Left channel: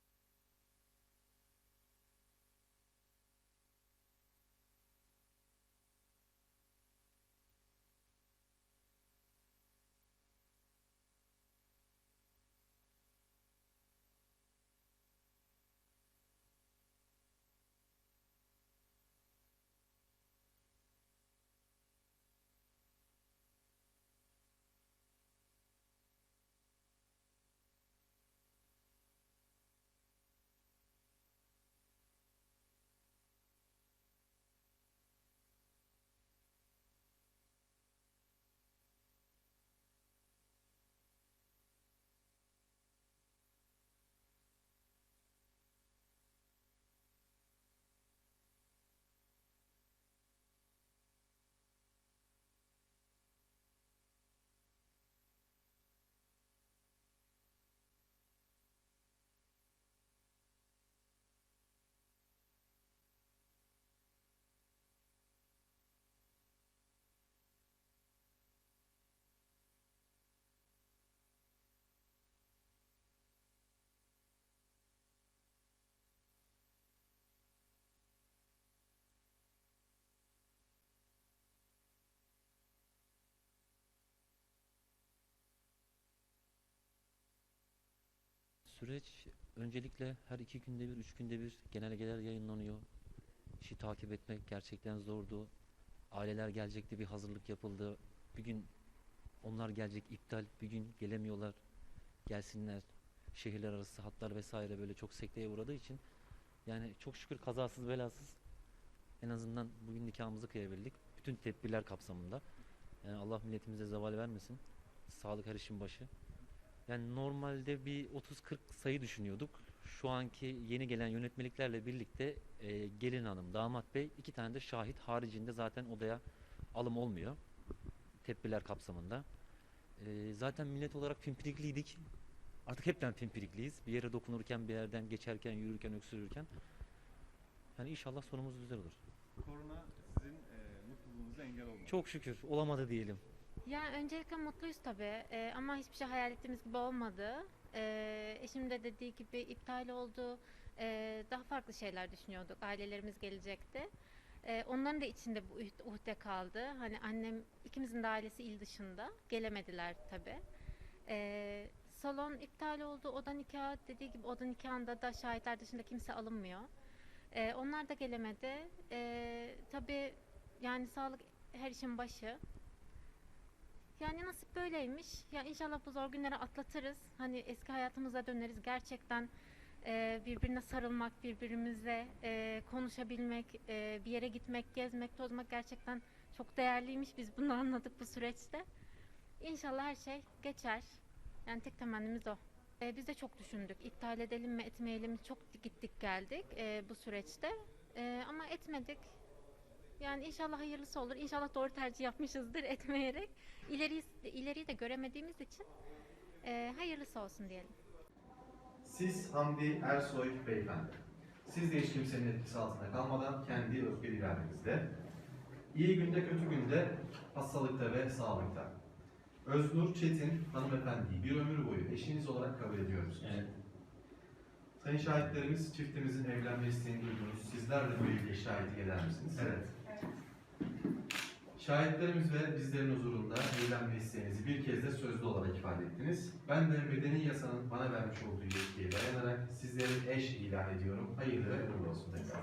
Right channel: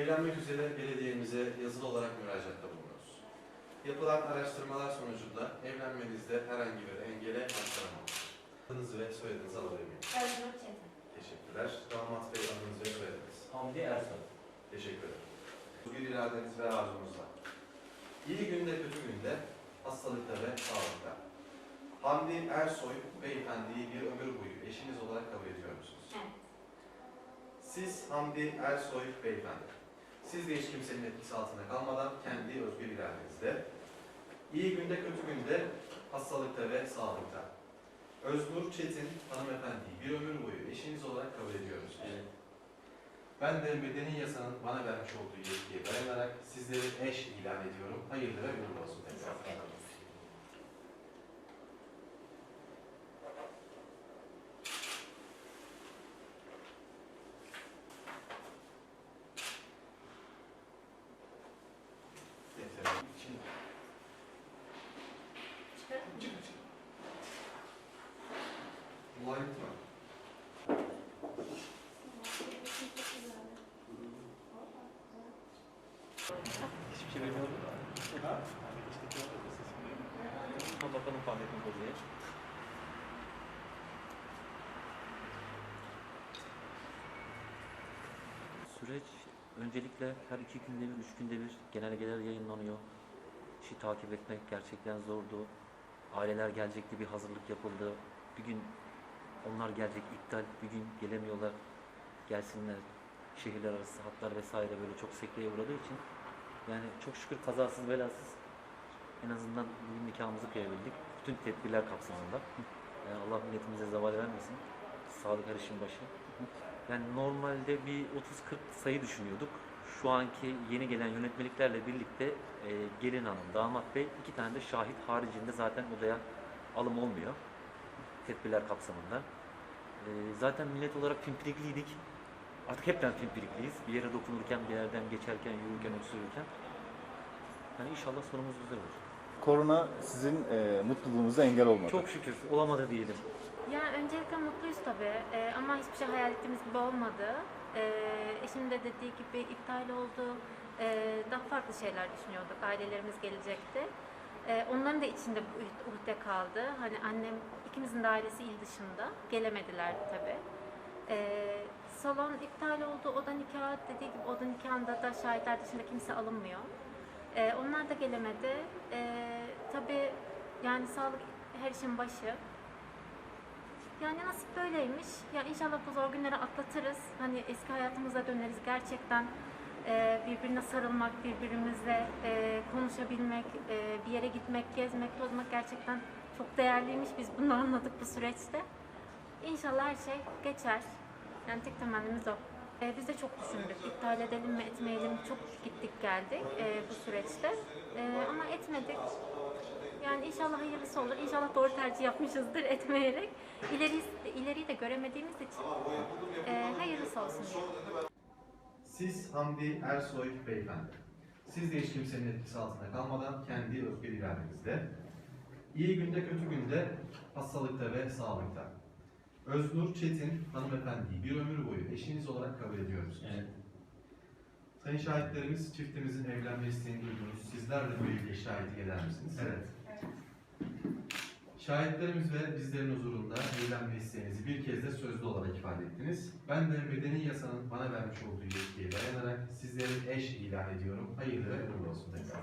evlenmek üzere belediyemize yazılı olarak müracaatta bulunuyoruz. Yapılan araştırmalar sonucunda evlenmenizde herhangi bir engele başlanamamış. Adınızı ve soyadınızı alabilir miyim? Çetin. Teşekkürler. Damat bey adınız ve soyadınız. Hamdi Ersoy. Teşekkür ederim. Bir iradeniz ve arzunuzla. İyi günde kötü günde, hastalıkta ve sağlıkta. Hamdi Ersoy beyefendiyi bir ömür boyu eşiniz olarak kabul ediyor musunuz? Evet. Siz Hamdi Ersoy beyefendi. Siz de hiç kimsenin etkisi altında kalmadan kendi özgür iradenizde, iyi günde kötü günde, hastalıkta ve sağlıkta. Öznur Çetin hanımefendiyi bir ömür boyu eşiniz olarak kabul ediyor musunuz? Evet. Ben de medeni yasanın bana vermiş olduğu yetkiye dayanarak sizleri eş ilan ediyorum. Hayırlı ve uğurlu olsun tekrar. Bakalım Fahrettin Kozlu'ya. Süreç öncelikle her iki günde bir, üç günde bir genelgeler yayınlanıyor. İşi takip etmek gerçekten zordu. Aileler gelecekti, bir hazırlık yapıldı. Bir gün onlar gelecek, iptal, bir gün gelemiyorlar. Gelsinler. Şehirler arası hatlar vesaire böyle çok sekteye uğradığı için yani çok şükür kazasız belasız en azından bugün nikahımızı kıyabildik. Bütün tedbirler kapsamında. Yani Allah milletimize zeval vermesin. Sağlık her işin başı. Yani normalde bir 30-40 sayı düşünüyorduk. Şu anki yeni gelen yönetmeliklerle birlikte e, gelin hanım, damat bey iki tane de şahit haricinde zaten odaya alım olmuyor. Tedbirler kapsamında. E, zaten millet olarak pimpirikliydik. Artık hepten pimpirikliyiz. Bir yere dokunurken, bir yerden geçerken, yürürken, öksürürken. Yani inşallah sonumuz güzel olur. Korona sizin e, mutluluğunuza engel olmadı. Çok şükür olamadı diyelim. Ya öncelikle mutluyuz tabii Ee, ama hiçbir şey hayal ettiğimiz gibi olmadı. Ee, eşim de dediği gibi iptal oldu. Ee, daha farklı şeyler düşünüyorduk. Ailelerimiz gelecekti. Ee, onların da içinde bu uhde- kaldı. Hani annem ikimizin de ailesi il dışında. Gelemediler tabii. Ee, salon iptal oldu. Oda nikahı dediği gibi oda nikahında da şahitler dışında kimse alınmıyor. Ee, onlar da gelemedi. Ee, tabii yani sağlık her işin başı. Yani nasip böyleymiş. Ya inşallah bu zor günleri atlatırız. Hani eski hayatımıza döneriz. Gerçekten e, birbirine sarılmak, birbirimizle e, konuşabilmek, e, bir yere gitmek, gezmek, tozmak gerçekten çok değerliymiş. Biz bunu anladık bu süreçte. İnşallah her şey geçer. Yani tek temennimiz o. E, biz de çok düşündük. İptal edelim mi, etmeyelim? Çok gittik geldik e, bu süreçte. E, ama etmedik. Yani inşallah hayırlısı olur. İnşallah doğru tercih yapmışızdır etmeyerek. İleri, ileriyi de göremediğimiz için e, hayırlısı olsun. Siz Hamdi Ersoy beyefendi. Siz de hiç kimsenin etkisi altında kalmadan kendi özgür iradenizde, iyi günde kötü günde, hastalıkta ve sağlıkta. Öznur Çetin hanımefendiyi bir ömür boyu eşiniz olarak kabul ediyor musunuz? Evet. Sayın şahitlerimiz çiftimizin evlenme isteğini duydunuz. Sizler de bu evliliğe şahitlik eder misiniz? Evet. Şahitlerimiz ve bizlerin huzurunda evlenme isteğinizi bir kez de sözlü olarak ifade ettiniz. Ben de medeni yasanın bana vermiş olduğu yetkiye dayanarak sizleri eş ilan ediyorum. Hayırlı ve uğurlu olsun tekrar.